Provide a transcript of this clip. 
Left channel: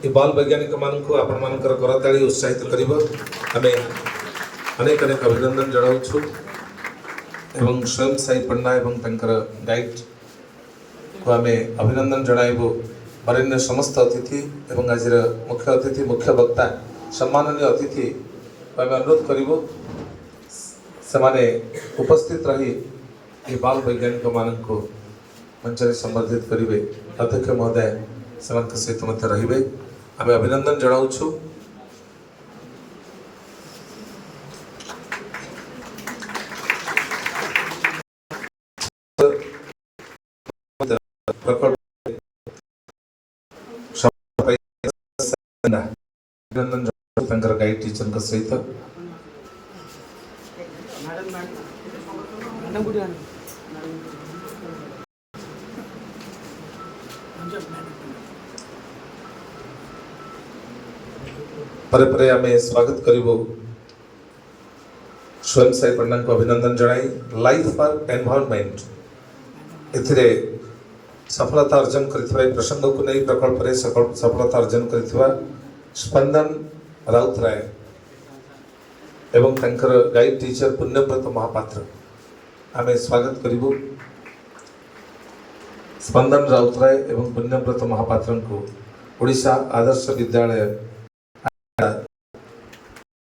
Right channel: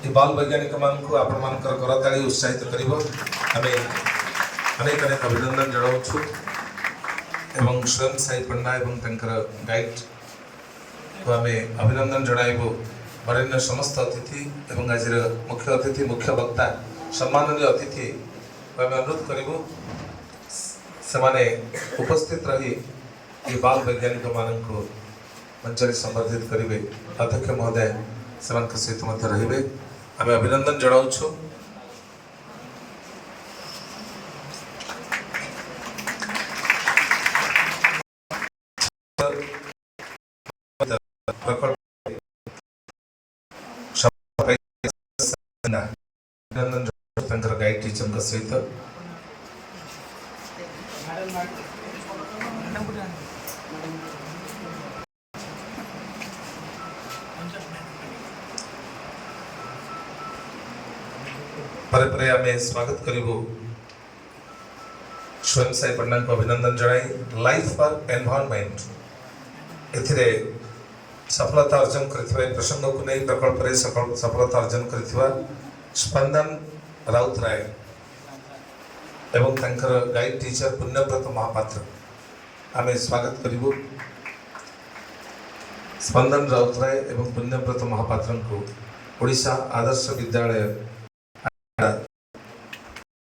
ये बाल वैज्ञानिक मानक आपण मानकर करताली उत्साहित करिवो आमे अनेक अनेक अभिनंदन जणाउछु एवं स्वयं साई पन्ना एवं तंकर गाइड को आमे अभिनंदन जणाइबो वरेण्य समस्त अतिथि एवं आज मुख्य अतिथि मुख्य वक्ता सम्माननीय अतिथि आमे अनुरोध करिवो सेमाने उपस्थित रही ये बाल वैज्ञानिक मानक मंचरे संबर्धित करिवे अध्यक्ष महोदय सेମାନଙ୍କ सहित मध्य रहिबे आमे अभिनंदन जणाउछु। अभिनंदन तंकर गाइड टीचर का सहित परे परे आमे स्वागत करिबो स्वयं साई पन्ना को अभिनंदन जणाई लाइफ फॉर एनवायरनमेंट एथिरे सफलता अर्जन करथिबा प्रसंग को नहीं प्रकल्प रे सफलता अर्जन करथिबा स्पंदन राउतराय एवं तंकर गाइड टीचर पुण्यव्रत महापात्र आमे स्वागत करिबो स्पंदन राउतराय एवं पुण्यव्रत महापात्र को ओडिशा आदर्श विद्यालय